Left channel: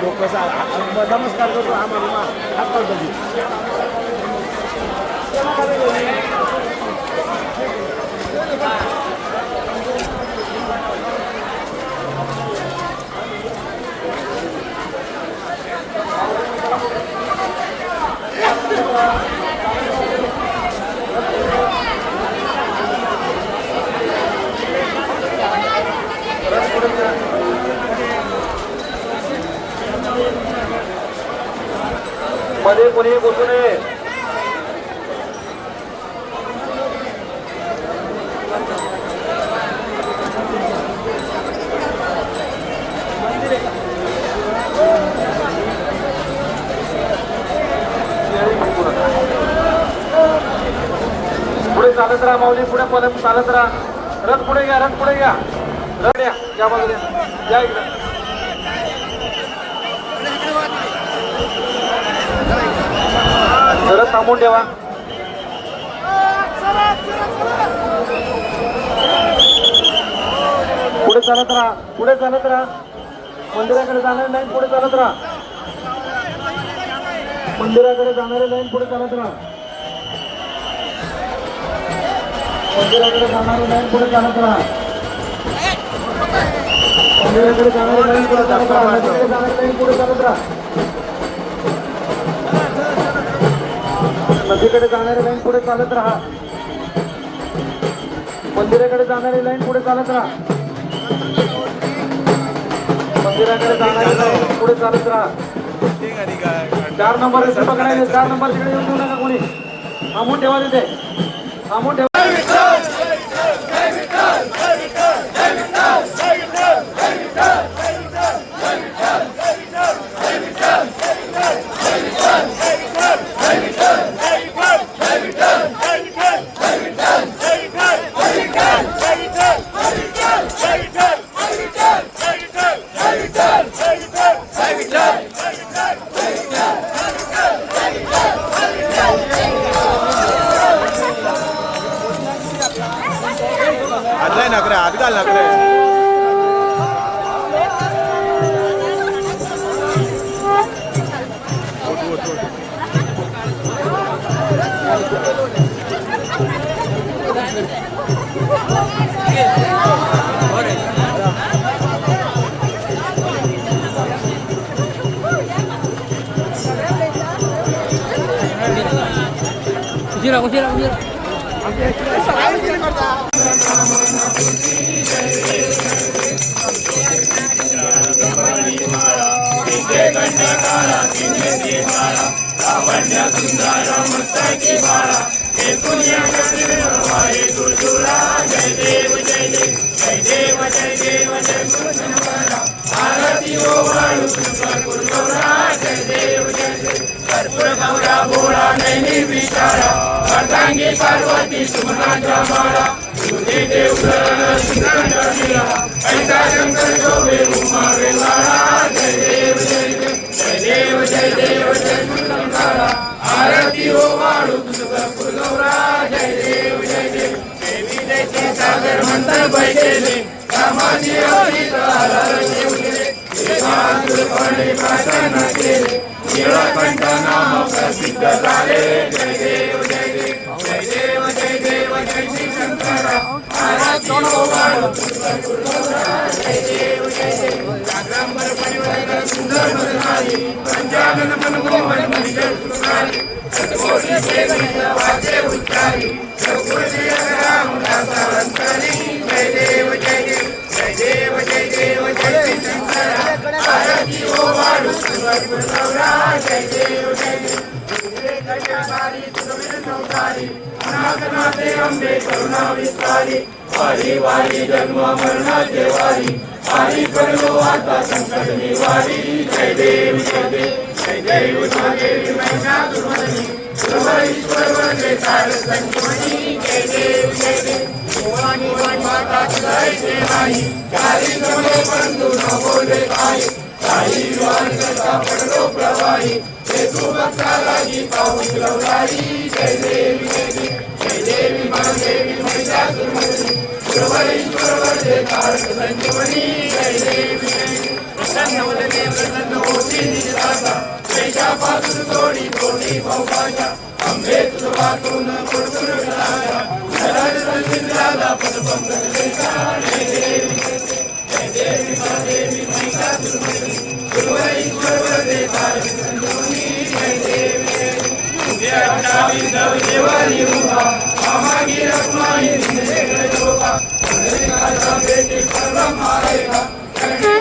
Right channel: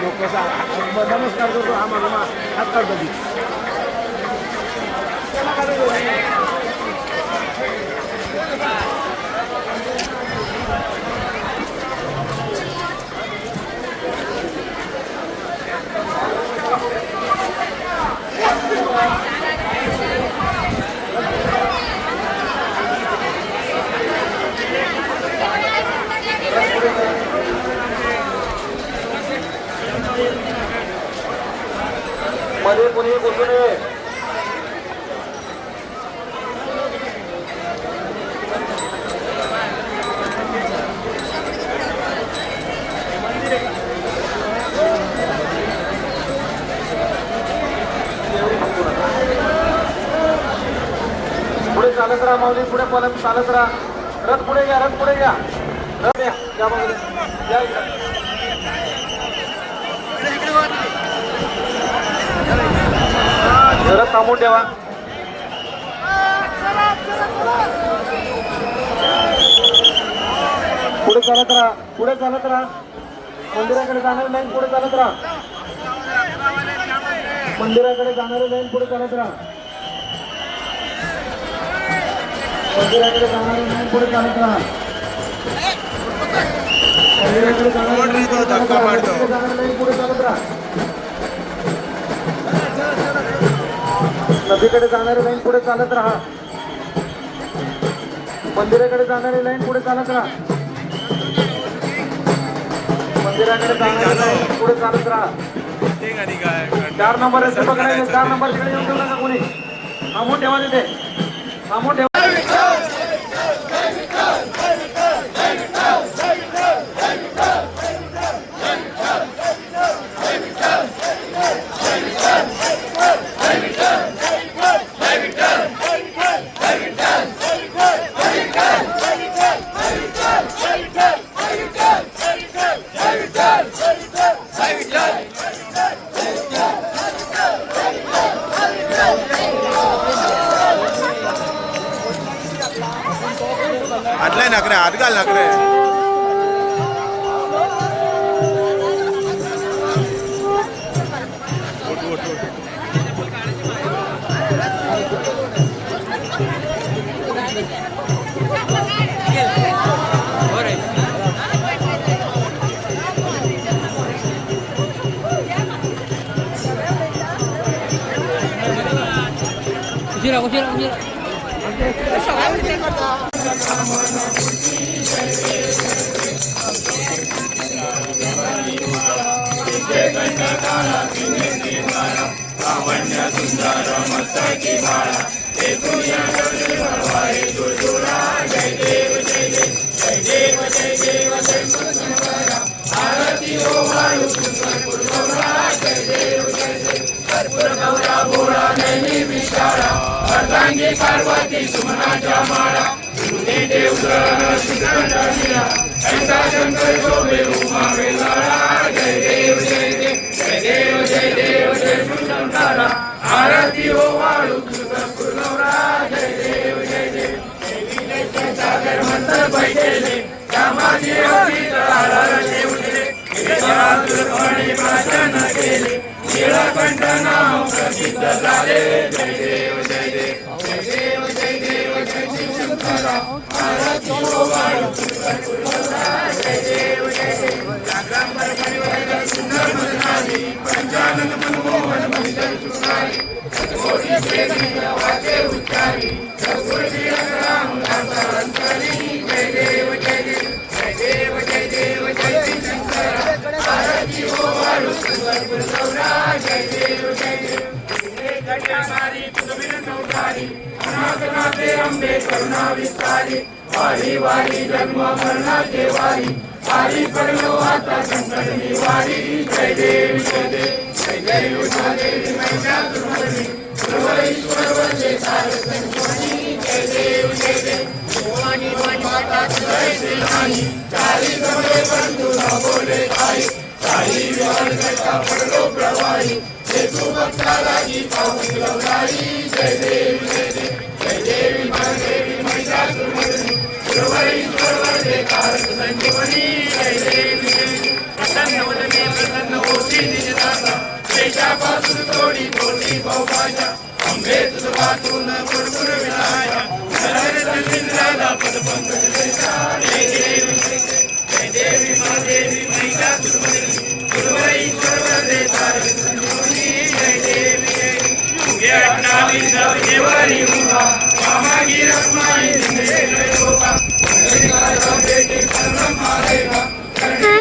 लोक नमस्कार करतो आम्ही मध्ये कोणी बसू नये. पुढे चालत राहा माऊली, पुढे परत चालत राहा. रथ पुढे घ्या, रथ पुढे घ्या, रथ या या बाजूला या इकडे. रथ थांबून ठेवा. पुढे चालत राहा, पुढे चालत राहा. मंदिराकडे जाणारी लाईन पुढे चालत राहा. मंदिराकडे जाणारी लाईन पुढे चालत राहा. मंदिराकडे जाणारी लाईन पुढे चालत राहा. मंदिराकडे जाणारी लाईन पुढे चालत राहा. जाणारी लाईन पुढे चालत राहा. नदीकडे जाणारी लाईन पुढे चालत राहा. मंदिराकडे जाणारी लाईन पुढे चालत राहा. मंदिराकडे जाणारी लाईन पुढे चालत राहा. 4 नंबर 4 नंबर तिकडे येऊन देऊ नका कोणी. थांबून ठेवा तिथे, थांबून ठेवा. आटलाय नकरे, हात घाल नकरे. Kucira, kucira, kucira. पार्वती सुमनाचा माळा तुझे देवधन सुखंडनिया ऐसा शंकर शोभे उमावे लाळा. जय देव जय देव जय देव जय देव जय मुरलीधरा. आरती हो वाळू तुझा कुलवरा. जय देव जय देव. देवी दैत्य सागर मंत्र बैठेले रामाची अवतीत आधार ठेवले. तुलपणे प्रार्थना केले नीळकंठ नाम प्रसिद्ध झाले. जय देव जय देव जय देव जय देव जय श्री शंकरा. आरती हो वाळू तुझा कुलवरा. जय देव जय देव. जागरांबर परिवार सुंदर मधुमाली पंचानन मनमोहन मंदिर सुखारी. सतकोटी वेद वाचे उच्चारी सकुलजी राम दासा अंतरी. जय देव जय देव जय देव जय देव जय श्री शंकरा. आरती हो वाळू तुझा कुलवरा. जय देव जय देव. सारी तुझविनवतारी अनाथनाथे अंबे करुणा विस्तारी. वारी वारी जन्म मरणाचे वारी. वारी करो आता संकट निवारी. जय देव जय देव जय जय उषादेवी महिषासुरमर्दिनी सर्वेश्वर वरदे सार संजीवनी जय देव जय देव भवानी माता जय सेनानी चारी समये बंधु न बोले आई साई वार का पडलो प्रवाही हे तू भक्ताला गीता उजळवलाई जय देवी जय देव जय देवी महादेवी महिषासुरमर्दिनी सर्वेश्वर वरदे सार संजीवनी जय देवी जय देव प्रसन्न प्रसन्न होती निजदाता देशापासून थोडी थोडी भावभाषा अंबे तुझं वाटून गुरुगुरु विनाया नरहर पदपंकज देशा जय देवी जय देवी महादेवी महिषासुरमर्दिनी सर्वेश्वर वरदे सार संजीवनी जय देवी जय नामी सब देवानी उभा मामागी रखमाई जिंदगी लोका का बेटे करम मारेगा जय